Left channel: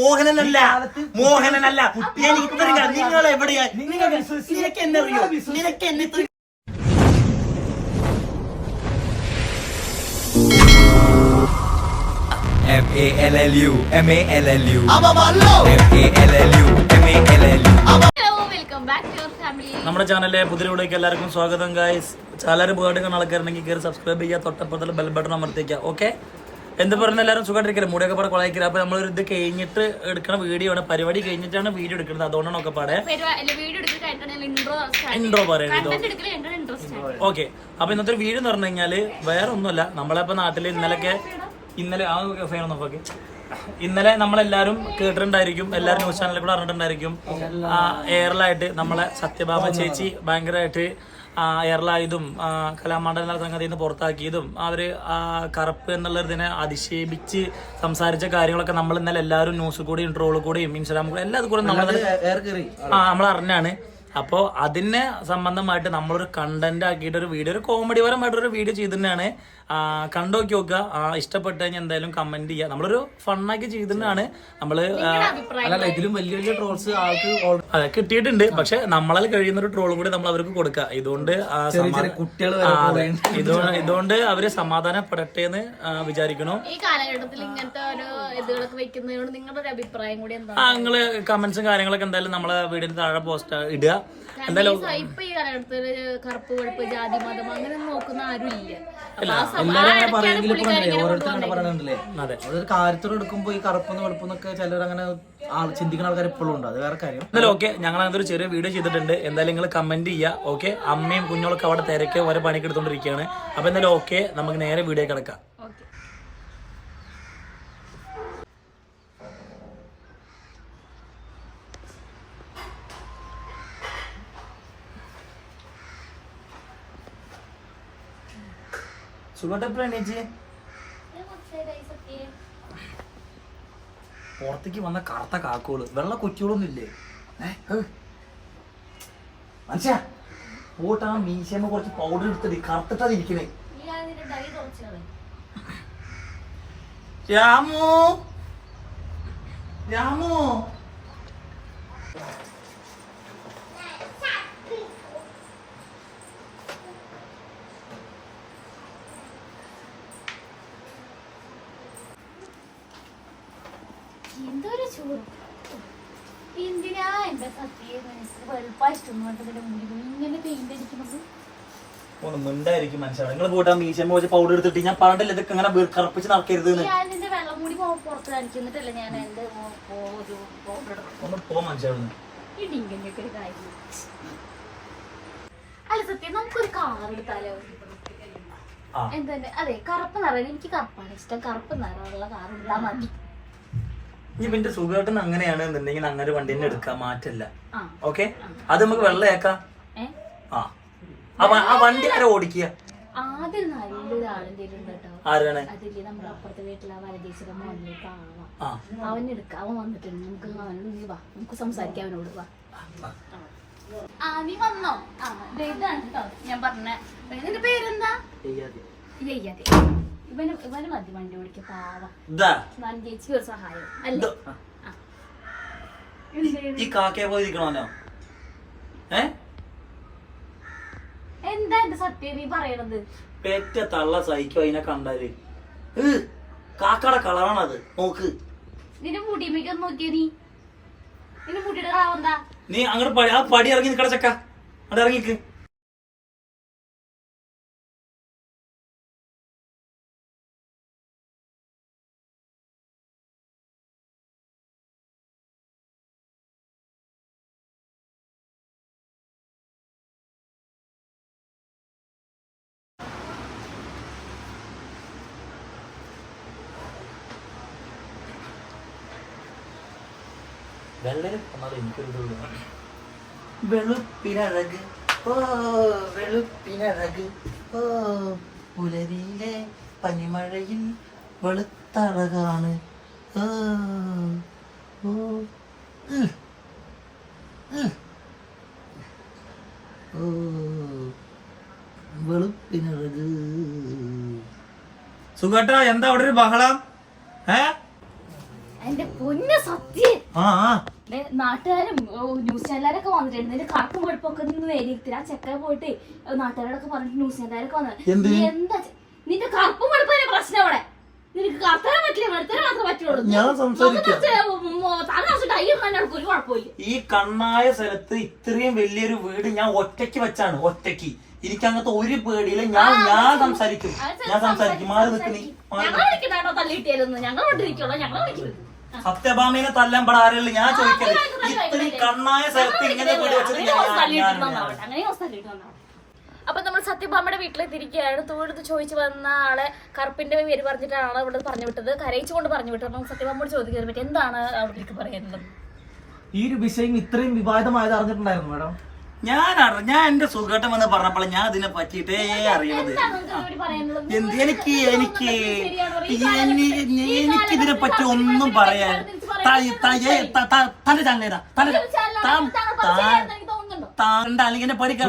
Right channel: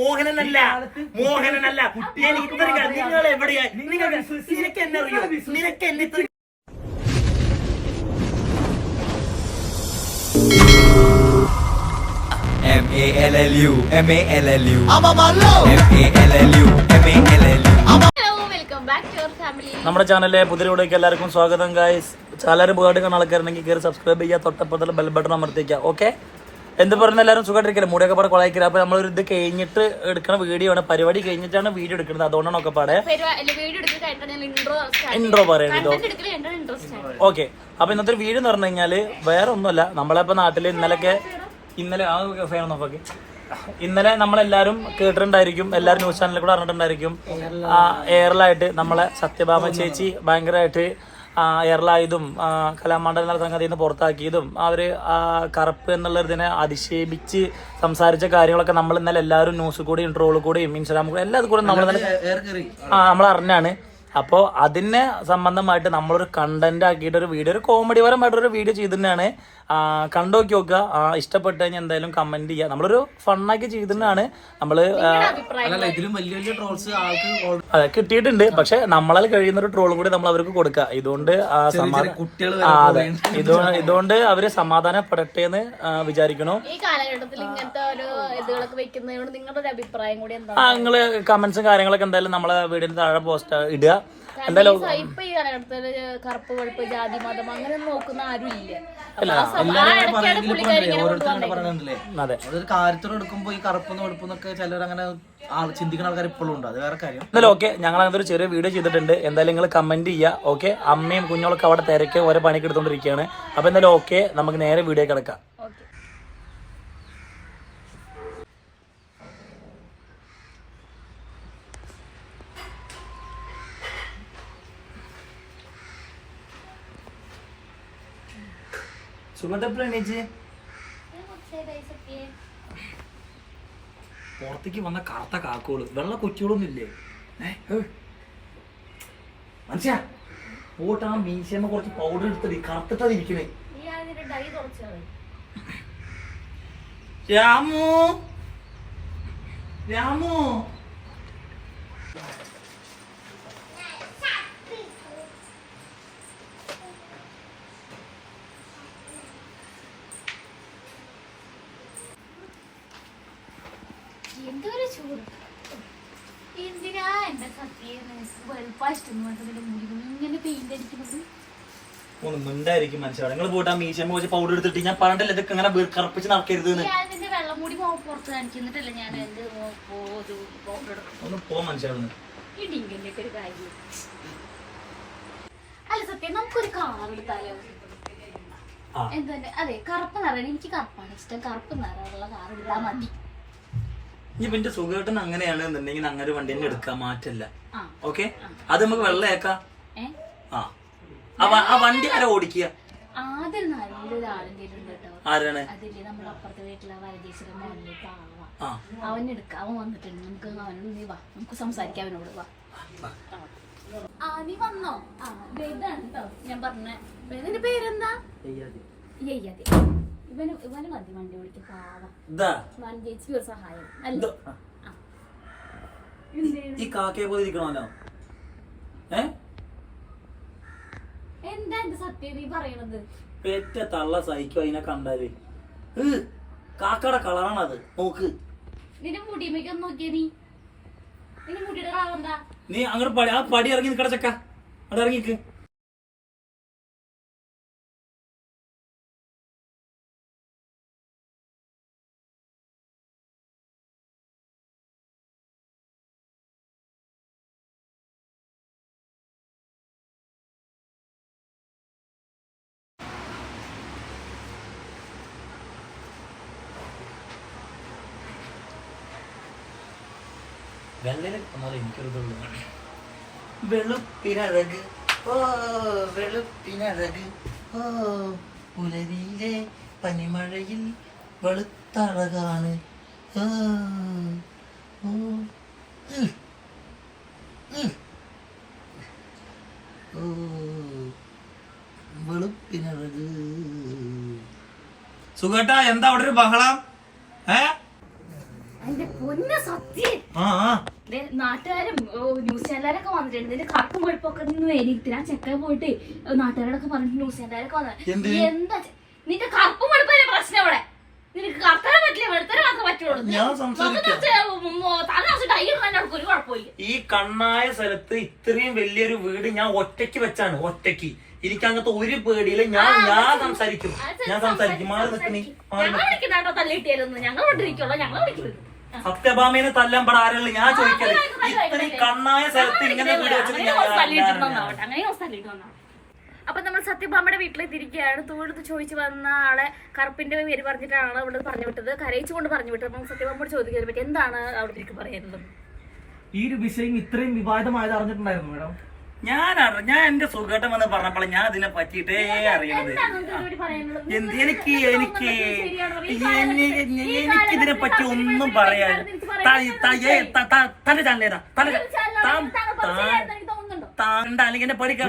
മോഹനനല്ല നിങ്ങൾ എവിടെയാ? നിനക്ക് എന്നെ അറിയോ? നിനക്ക് എന്നെ MALLU നമ്മുടെ ചാനലിലെ പുതിയ വീഡിയോക്ക് എല്ലാവർക്കും സ്വാഗതം ഗായ്സ്. ചാനൽ പോയിട്ട് കാണാൻ ആൾക്കാരുണ്ടെങ്കിൽ കയറി സബ്സ്ക്രൈബ് ചെയ്യുക, തൊട്ടപ്പുറത്തുള്ള ബെൽ ബട്ടൺ അമർത്തിക്കുക. ഓക്കെ, എന്ത് പറഞ്ഞ എല്ലാവരും സുഖമായിട്ടിരിക്കില്ല, മൂടിയൊക്കെ പാടെ കൊളായിക്കില്ല. അപ്പൊ നമ്മളൊരു ഇത് കഴിഞ്ഞിട്ട് എടുക്കുന്ന വീഡിയോ ആണ്, പരിപാടി കഴിഞ്ഞിട്ടാണ് വീഡിയോ എടുക്കുന്നത്. അതുകൊണ്ടാണ് ഒക്കെ പാടെ ഇൻട്രോ പറയുന്നത്. ഓക്കെ, അപ്പൊ ഇന്നത്തെ വീഡിയോ എന്ന് പറഞ്ഞു കഴിഞ്ഞാല് വേറെ ഒന്നുമല്ല, നമ്മളിപ്പോ നാട്ടില് ഇന്നലെ നമ്മളെല്ലാരും കേട്ടിട്ടുണ്ടായിരിക്കും, എല്ലാരും ന്യൂസ് ചാനലിൽ കൂടെ അറിഞ്ഞിട്ടുണ്ടായിരിക്കും. എയറിലായിട്ട് നമ്മളെ സത്യഭാമ ചേച്ചി ഭയങ്കരമായിട്ട് എയറിലായതും കലാമണ്ഡല സംഗതിയിൽ നിന്ന് പുറത്താക്കിയതും അവര് കറുപ്പ് എന്നുള്ള ഇതിനെ അധിക്ഷേപിച്ച് സംസാരിച്ച കാര്യങ്ങളൊക്കെ നമ്മൾ ഇന്നലെ എല്ലാവരും ന്യൂസ് കൂടി ഇൻട്രോളിൽ കൂടിയും ഇൻസ്റ്റാഗ്രാമിൽ കൂടെ എല്ലാതും കൂടെ നമ്മൾ അറിഞ്ഞാണ്. അപ്പോൾ അതിനെ സംബന്ധമായിട്ട് നമ്മളൊരു കണ്ടന്റ് ആക്കിയിട്ട് ഒരു വീഡിയോ, ഒരു കോമഡി പരമായിട്ടൊരു വീഡിയോ ചെയ്തിട്ടാണ്. കണ്ടോക്കി നോക്കുക, ഇഷ്ടപ്പെട്ട് കഴിഞ്ഞാൽ എന്തായാലും കമന്റ് ചെയ്യുക. നമ്മളൊരു ഫണ്ണാക്കി ചെയ്തിട്ടാണ് നമ്മള്. ഇതിലും വലിയ വലിയ ട്രോൾസ് ആൾക്ക് അതെ കിട്ടിയിട്ടുണ്ട്, പക്ഷെ നമ്മളാൽ കഴിയുന്ന ഒരു ട്രോളും കൂടി നമ്മൾ അവർക്ക് കൊടുക്കുക. ഇതുകൊണ്ട് അവര് സമാധാനപ്പെടട്ടെ എന്ന് വിചാരിക്കണു. ഈ കാലഘട്ടത്തിൽ ഇങ്ങനത്തെ ഒരു ഇതുകളൊക്കെ വെക്കുന്നതിനോട് നിങ്ങളുടെ ഒരു അഭിപ്രായം കൂടി എന്താ? നിങ്ങള് കമന്റ്സും കാര്യങ്ങളൊക്കെ എന്തായാലും നമ്മളെ വീടിന് താഴെ പോസ്റ്റ് ഇടുക. എന്തായാലും ഇപ്പൊ ഈ കാലഘട്ടത്തില് കറുപ്പ് വെളുപ്പ് ജാതി മതം അങ്ങനെ നോക്കുന്ന ആരും ഇല്ല. കാര്യത്തോടെ എടുക്കുമ്പോ ഈ കറുപ്പെന്ന് വെളുപ്പെന്നൊക്കെ ചിലർ അങ്ങനെ ചിന്തിക്കുന്ന ആൾക്കാർ ഇപ്പോഴും ഉണ്ട്. അത് വേറെ കാര്യം. എന്തായാലും ഓക്കെ, ഞങ്ങൾ അങ്ങനത്തെ ഒരു ചെറിയ വീഡിയോ ചെയ്തിട്ടുണ്ട്. എന്തായാലും നിങ്ങൾ കമന്റ് ചെയ്യുക. ഓക്കെ, അമ്മയും കുഞ്ഞോളൊക്കെ അവിടെ തിരക്ക് ഓരോ പണിക്ക് എടുത്തോണ്ടിരിക്കുകയാണ്. അപ്പൊ എന്തായാലും ഓക്കെ, നമുക്ക് നേരെ വീഡിയോ കിടക്കാം. പുറത്തേക്ക് വന്ന കറുത്ത കാക്കോള്, വെള്ള കൊച്ചുകളൊന്നും ഇല്ലേ മനുഷ്യ? പോട്ട് ആ മീശമ്മ കുറച്ച് പൗഡർ എടുത്തിട്ട് കറുത്തിട്ടാതിരിക്കണേ. രാമു രാമു എന്തൊരു ചൂട്! എന്തിനാ എന്റെ സത്യം വെളുപ്പായിഷ്ടം ഇങ്ങനെ പെയിന്റ് അടിക്കുന്നത്? ഒന്ന് മിണ്ടായിരിക്കും മനുഷ്യരാണ്. നിങ്ങൾ പോയിട്ട് ആ മീശമ്മ വെച്ച് പൗഡർ എടുത്തിട്ട് ഞാൻ പറഞ്ഞില്ല ഇതൊക്കെ ഇങ്ങനെ കറുപ്പിച്ച് നടക്കരുത്. ഞാനിന്റെ വെള്ളം മൂടി പുറത്ത് കാണിക്കുന്നിട്ടല്ല ഞാൻ എന്റെ ഒന്ന് പോ മനുഷ്യരാണ്. ഇടിങ്കന്റെ ഒക്കെ ഒരു കാര്യം. അല്ല സത്യം, നമുക്കൊരു കാർ എടുത്താലോ? എന്താ? അതെ, കറുപ്പ് നിറം. എനിക്ക് കറുപ്പാണ് ഇഷ്ടം. കറുപ്പ് നിറമുള്ള കാർ എടുത്താ മതി. ഇനി എന്റെ സുഖമായിട്ട് അങ്ങനെയാണ് എന്നുണ്ടെങ്കിൽ അങ്ങനെ ഒരു വണ്ടി തന്നെ എടുക്കാൻ മാറ്റില്ല. ഓക്കെ, അത് നമുക്ക് വെള്ളയാക്കാം. ആ വണ്ടി ആരാ ഓടിക്കുക? ആദ്യം നല്ലൊരു ആളിന്റെ ആരാണ്? അതില്ലേ നമ്മുടെ അപ്പുറത്തെ വീട്ടിലെ വരദേശിയുടെ മോനിലേക്ക് അവനെടുക്ക. അവൻ വന്നിട്ടുണ്ട്. നമുക്ക് അവനോട് നീ വാ, നമുക്ക് സംസാരിക്കാം അവനോട്. വാ, നീ വന്നോ? ഇതാണ് കേട്ടോ ഞാൻ പറഞ്ഞ. നിന്റെ പേരെന്താ? ഇവന് മതി വണ്ടി ഓടിക്ക. പാവം ചേച്ചി ഒരു സഹായം അല്ലേ? ഈ കാക്കയെ പോയിരിക്കണല്ലോ. എന്താ എന്റെ സത്യം നീ പറയണത്? പെറ്റ തള്ള സഹിക്കും അതിനെ കണ്ടാല്. കാക്കയുടെ കളറാണത്. നോക്ക്, നിന്റെ മുടിമേക്കൊന്ന് നോക്കിയ നീ. നിന്റെ മുടിയുടെ കളറെന്താ? നീ അങ്ങോട്ട് ആ പടി ഇറങ്ങി നിക്കട ചക്ക, അവിടെ ഇറങ്ങിക്ക്. വെളുപ്പിനഴക് ഓ വെളുപ്പിനഴക് ഓ പുലരിയിലെ പനിമഴയിൽ വെളുത്തഴകാണ്. വെളുപ്പിനഴക്. സുഖേട്ടാ, എന്താ അവിടെ ഒരു ബഹളം? എന്റെ പൊന്നു സത്യം നാട്ടുകാരും ന്യൂസ് ചാനലുകാരൊക്കെ വന്നിട്ടുണ്ട് നിന്റെ കറുപ്പും വെളുപ്പൊക്കെ നിന്ന് നേരിട്ട് ആ ചെക്കൻ പോയിട്ട് നാട്ടുകാരൊക്കെ പറഞ്ഞിട്ട് ന്യൂസ് ചാനലുകാരൊക്കെ വന്നത് എന്താ നിന്റെ കറുപ്പും വെളുപ്പിന്റെ പ്രശ്നം അവിടെ നിനക്ക് കറുത്തരം പറ്റില്ല വെളുത്തരം മാത്രമേ പറ്റുള്ളൂ ഒരു കുഴപ്പമില്ല. ഈ കണ്ണായ സ്ഥലത്ത് ഇത്രയും വലിയൊരു വീട് ഞാൻ ഒറ്റയ്ക്ക് വെച്ചാണ് ഒറ്റയ്ക്ക്. എനിക്ക് അങ്ങനത്തെ ഒരു പേടിയില്ല. ഞാൻ സംസാരിക്കും മാറി നിൽക്കുന്നേ ഞങ്ങൾ വിളിക്കുന്നാട്ടോ തല്ലിട്ടിയാലൊന്നും ഞങ്ങൾ കൊണ്ടിരിക്കുള്ളൂ ഞങ്ങൾ വിളിക്കുന്നത് സത്യഭാമേനെ തല്ലാൻ പെടാ ആരല്ല ഞാൻ ചോദിക്കല്. ഇത്രയും കണ്ണായ സ്ഥലത്ത് ഇങ്ങനെ വീട് വെച്ചിട്ട് അപ്പൊ നമ്മൾ സത്യഭാമയുടെ വീട്ടിലെത്തിയിരിക്കുകയാണ്. തൊഴുത്ത് ചോദിച്ചു വന്ന ആളെ കറുപ്പിന്റെ പേര് പറഞ്ഞിട്ടാണ് ഇവിടെ പറഞ്ഞു വിട്ടത്, കരയിച്ചുകൊണ്ട് പറഞ്ഞു വിട്ടത്. നമുക്ക് സത്യഭാമയോട് ചോദിക്കാൻ പറ്റും എന്താണ് അവിടെ പറയാനുള്ളത്? ഈ ഒരു വിഷയം ഇത്രയും വിവാദമായത് അറിഞ്ഞിട്ടുണ്ടായിരുന്നു മാഡം? ഞാൻ എന്റെ സുഖഘട്ടം എന്ന് പറഞ്ഞപ്പോൾ ഞാൻ ഇതിനെ പറ്റിയിട്ടേ അറിയുന്നത്. എനിക്കിതിനെ പറ്റി ഒന്നും പറയാൻ തന്റെ ചാനൽ ഏതാ താണ്ട അല്ലെങ്കിൽ എന്നെ പഠിക്കാം.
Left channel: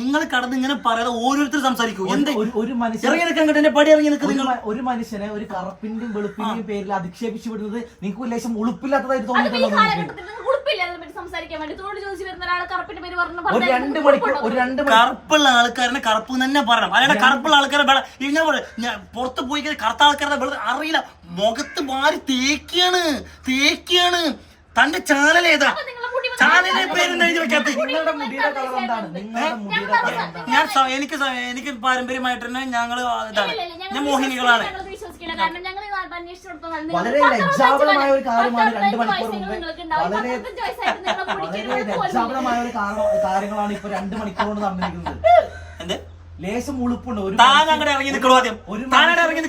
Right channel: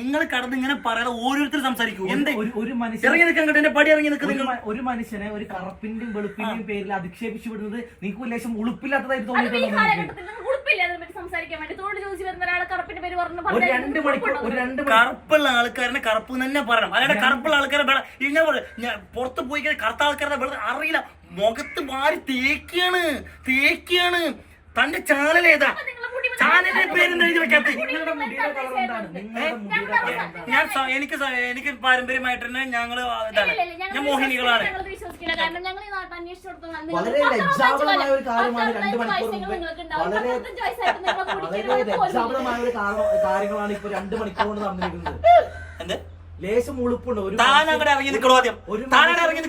നിങ്ങൾ കടന്ന് ഇങ്ങനെ പറയാതെ ഓരോരുത്തർ സംസാരിക്കൂ. എന്ത് ഇറങ്ങി നിൽക്കാൻ എന്റെ പടി ഇറങ്ങി നിൽക്കുന്നത്? ഒരു മനുഷ്യനെ ഒരു കറുപ്പിന്റെയും വെളുപ്പിന്റെയും പേരിൽ അധിക്ഷേപിച്ചു വിടുന്നത് നിങ്ങൾക്ക് ലേശം ഉളുപ്പില്ലാത്തതായിട്ട് തോന്നിയിട്ടുണ്ടോ? കറുപ്പുള്ള ആൾക്കാരനെ കറുപ്പ് തന്നെ പറയണം. അല്ലാണ്ട് കറുപ്പുള്ള ആൾക്കാരെ ഞാൻ പുറത്ത് പോയി കറുത്ത ആൾക്കാരുടെ അറിയില്ല. മുഖത്ത് മാറി തേക്കാണ്. തന്റെ ചാനൽ ഏതാ? ചാനലിന്റെ പേരൊന്നും എഴുതി വെക്കാത്ത എനിക്ക് പാരമ്പര്യമായിട്ട് തന്നെ ഞങ്ങള് ഞാൻ മോഹിനികളാണ്. വളരെ ലജ്ജാപരമായ ഒരു കാര്യമാണ് 2 മണിക്കൂർ മുമ്പ് വളരെ ലജ്ജാപരമായ ഒരു കാര്യങ്ങളാണ് ഇപ്പൊ 2 മണിക്കൂർ കൊണ്ട് നടന്നിരിക്കുന്നത്. എന്ത് ലേശം ഉളുപ്പുണ്ട്. താനങ്ങടെ ഇറങ്ങി നിൽക്കണോ? ആദ്യം താനടെ ഇറങ്ങി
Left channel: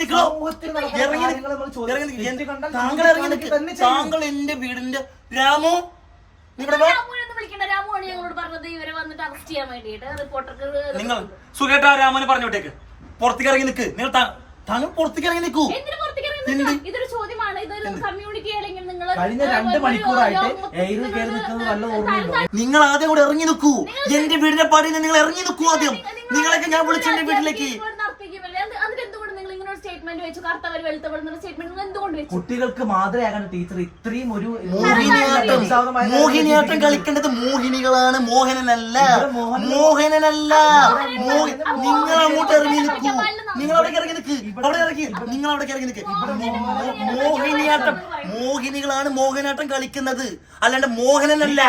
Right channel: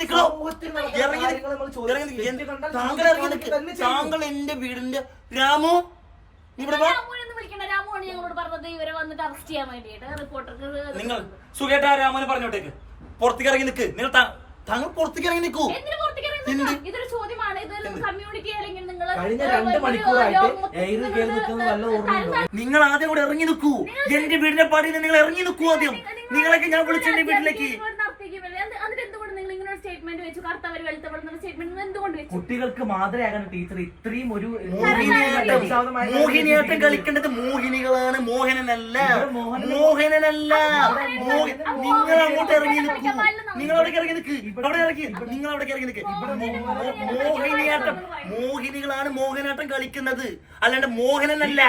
നിൽക്കണോ? താങ്കൾ എന്റെ വീടിന്റെ രാമു നിങ്ങൾ സുഖേട്ടാ രാമന് പറഞ്ഞു വിട്ടേക്ക്. പുറത്തേക്ക് ഇറങ്ങി നിൽക്ക്. നിങ്ങൾ താങ്കൾ പുറത്തേക്ക് ഇറങ്ങി നിൽക്കൂ. ഇതൊരു ചോദ്യമാണ്. ഇതൊരു കമ്മ്യൂണിറ്റി അല്ലെങ്കിൽ കഴിഞ്ഞ 2 മണിക്കൂറായിട്ട് എയറിൽ കയറി നിൽക്കുന്നത് നല്ല ഓർമ്മയുണ്ടോ? നിങ്ങൾ ആദ്യം കൂടെ ഇറങ്ങി നിൽക്കൂ. എന്റെ വീടിന്റെ പടിയിൽ നിങ്ങൾ ഇറങ്ങി നിൽക്കൂ. ആദ്യം നിങ്ങളൊക്കെ ഞാൻ വിളിച്ചു എന്റെ വീട്ടിലേക്ക്. കുട്ടികൾക്ക് മാതൃയാകാൻ ടീച്ചർ ഇത്രയും ഒരു മോഹിനിയാട്ടം കളിക്കേണ്ടത് മോഹിനികളാണ്, മോഹനനല്ല. നിങ്ങൾ അങ്ങോട്ട് ഇറങ്ങി നിൽക്കൂ. നിങ്ങൾ അവിടെ ഇറങ്ങി നിൽക്ക്. നിങ്ങൾ അവിടെ ഇറങ്ങി നിൽക്ക്. മോഹിനികളാണ് മോഹനാട്ടം കളിക്കുന്നത്, അല്ലാണ്ട് മോഹനനല്ല.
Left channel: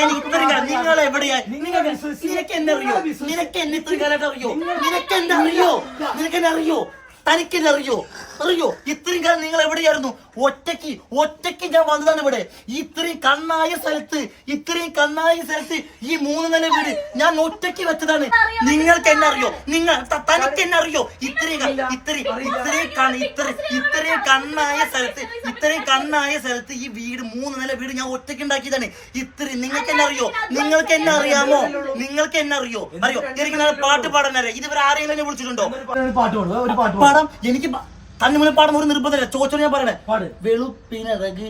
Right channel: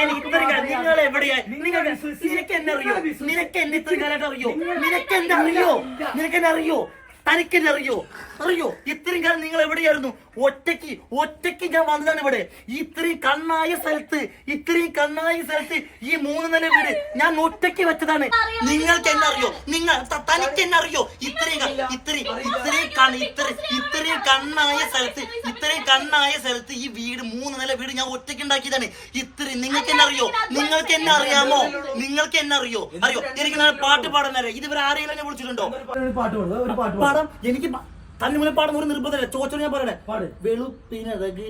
എനിക്ക് ഇത്രയും കാലം നിങ്ങൾ എവിടെയാ? നിനക്ക് എന്നെ അറിയോ? നിനക്ക് എന്നെ ഇത്രയും കാലമായിട്ട് അറിയോ? നിനക്കെന്നെ അറിയോ? തനിക്കെന്നെ അറിയോ? ഇത്രയും കാലം നിങ്ങൾ എവിടെയായിരുന്നു? ഒറ്റയ്ക്ക് ഞാൻ വന്നതാണ് ഇവിടെ. ഇത്രയും കണ്ണായ സ്ഥലത്ത് ഈ 3 നില വീട് ഞാൻ ഒറ്റയ്ക്ക് വെച്ചതാണ്. നിങ്ങൾക്ക് എന്നെ അറിയോ? തനിക്ക് എന്നെ അറിയോ? ഇത്രയും കണ്ണായ സ്ഥലത്ത് ഈ വീട് 3 നില വീട് ഞാൻ ഒറ്റയ്ക്ക് ഉണ്ടാക്കിയതാണ്. നിങ്ങൾക്ക് എന്നെ അറിയോ? നിങ്ങൾക്ക് എന്നെ അറിയാമോ? എനിക്ക് നല്ല പാട്ട് പാടാൻ അറിയാം. ഇതുവരെ ആരെങ്കിലും എന്നെ വിളിച്ചിട്ടുണ്ടോ? പാടാം. എനിക്ക് തന്നെ മുന്നിൽ പാടും ഒരു നിർബന്ധമില്ല. ചോദിച്ചോ ഞാൻ പറയണേ. വെളുപ്പിനഴക്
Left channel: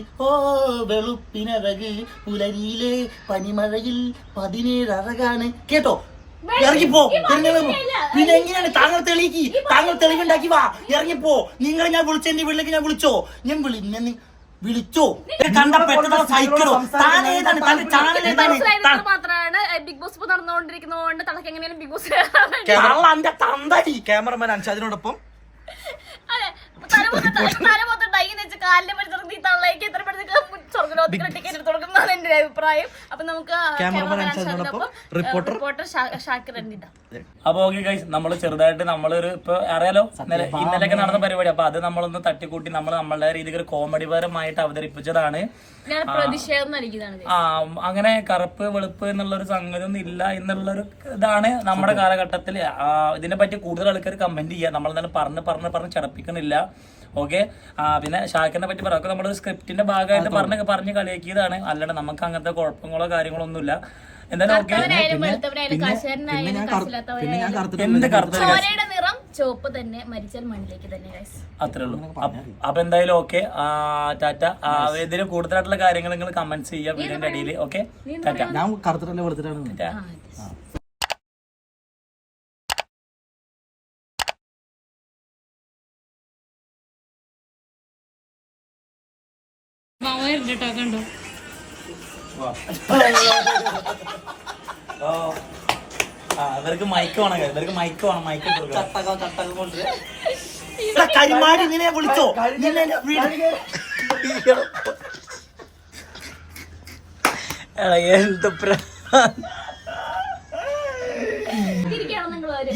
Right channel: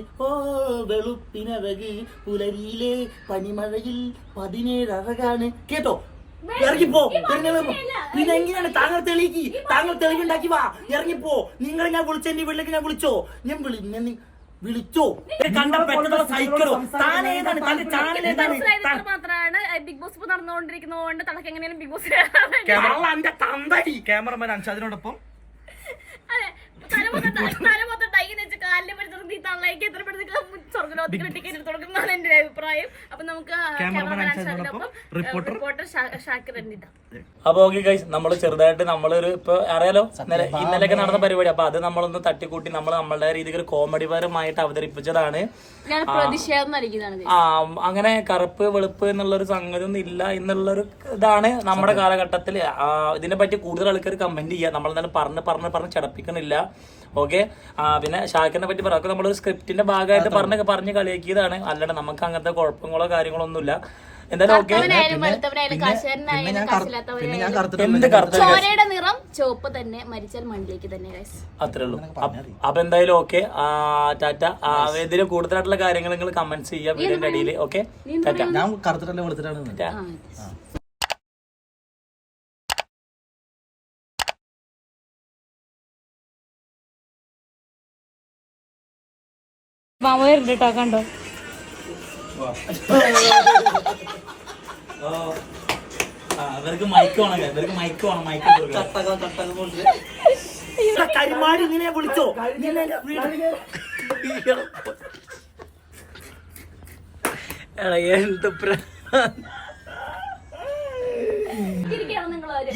പുലരിയിലെ പനിമഴയിൽ 17 അഴകാണ്. കേട്ടോ? ഇറങ്ങിപ്പോ. പിന്നെ എങ്ങനെയാണ് താങ്കൾ തെളിവുണ്ടാക്കി വാ. ഇറങ്ങിപ്പോ. നിങ്ങളെ ഞാൻ വിളിച്ചോ? എന്റെ വീട്ടിലേക്ക് ഞാൻ വിളിച്ചോ? വിളിച്ചോ? കണ്ട പെട്ടെന്ന് സൈക്കിളോ? താനേതാണ്? തന്റെ ചാനൽ ഏതാണ്? മാത്രമാണ് ബിഗ് ബോസ് നടന്നുകൊണ്ടിരിക്കുന്നതുകൊണ്ട് തനക്ക് എങ്ങനെയാണ് ബിഗ് ബോസ് എന്റെ തന്തടി ക്യാമറമാൻ അൻഷാദിനോടൊപ്പം അതെ തലമൊത്തം ടൈന്ന് വെച്ച് കാലിന്റെ പരിസരത്ത് ഈ തള്ളേക്ക് എത്ര പെട്ടെന്ന് സ്വർഗ്ഗലോകത്തിൽ ടിക്കറ്റ് എടുത്ത് കൊടുക്കുന്നതാണ് എന്റെ അഭിപ്രായം. അപ്പൊ നമുക്ക് റിപ്പോർട്ടർ ഷാക്കിർ എന്നിട്ടാ. അപ്പൊ ഓക്കെ ഗൈസ്, നമ്മള് ചെറുതായിട്ട് നമ്മളൊരു ഇപ്പൊ അറിയാലോ ഇന്നലെയൊക്കെ നടന്ന പരിപാടി. അപ്പൊ അത് നമ്മളൊന്ന് തട്ടിക്കൂട്ടി നമ്മളുടെ രീതിക്ക് ഒരു കോമഡി പരമായിട്ട് അവതരിപ്പിച്ചതാണ്. അങ്ങനെ കറുപ്പ് വെളുപ്പ് എന്നുള്ളൊരു സംഗതി ഒന്നും ഇല്ല എന്നുള്ളൊരു ഇതാണ് നമ്മുടെ കാലഘട്ടത്തിൽ. ഇതിനെ പറ്റി കൂടുതൽ ആൾക്കാർ കമന്റ് ചെയ്യുക. നമ്മളെന്തായാലും പറഞ്ഞ് ചടപ്പിക്കുന്നില്ല. ഓക്കെ. പിന്നെ ഷാക്കിറിനെ പറ്റി പറയാം. നമ്മൾ സ്ക്രിപ്റ്റിന്റെ ഭാഗമായിട്ട് പറഞ്ഞ് കളിയാക്കിയതാണ്. അല്ലാണ്ട് നമുക്ക് അങ്ങനത്തെ കുഴപ്പങ്ങളോ കാര്യങ്ങളോ ഒന്നുമില്ല. എന്തായാലും ഓക്കെ. അത്രേ ഉള്ളൂ. അപ്പൊ എന്തായാലും ഓക്കെ. ടാറ്റ. ഇതിന് കൂടുതലായിട്ടുള്ള കാര്യങ്ങൾ നിങ്ങൾ കമന്റ്സ് ചെയ്യാം വീഡിയോന്റെ അടിയിൽ. ഓക്കെ. ടാറ്റ. ഞാൻ കറുത്തിട്ടല്ലേ വെളുത്തിട്ടാണ്. മാമ വരുന്നുണ്ട് കേട്ടോ, കണ്ടോ? ഇവർക്ക് മൈക്ക് വേണം, ഇവർക്ക് മൈക്ക് വേണം, മൈക്ക് കരിമാടി ഇങ്ങനെ വിളിച്ചോ?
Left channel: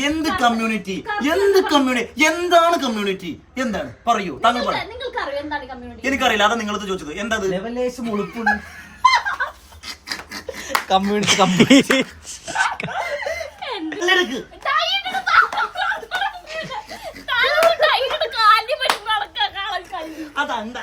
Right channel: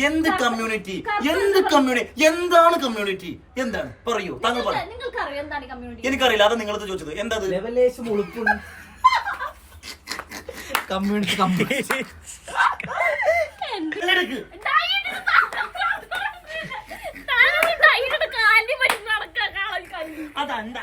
എന്ത് കമ്മ്യൂണിറ്റി, എന്ത് കമ്മ്യൂണിറ്റി, എന്താണ് കമ്മ്യൂണിറ്റി, എന്താണ് പറയൂ, താങ്കൾ പറയൂ. നിങ്ങൾക്കറിയാം എന്താണ് കമ്മ്യൂണിറ്റി? എനിക്കറിയില്ല, അതാ നിങ്ങളത് ചോദിച്ചത്. എന്താ ലെവലേശം ഉളുപ്പുണ്ട്. കമ്മ്യൂണിറ്റി അതണ്ട.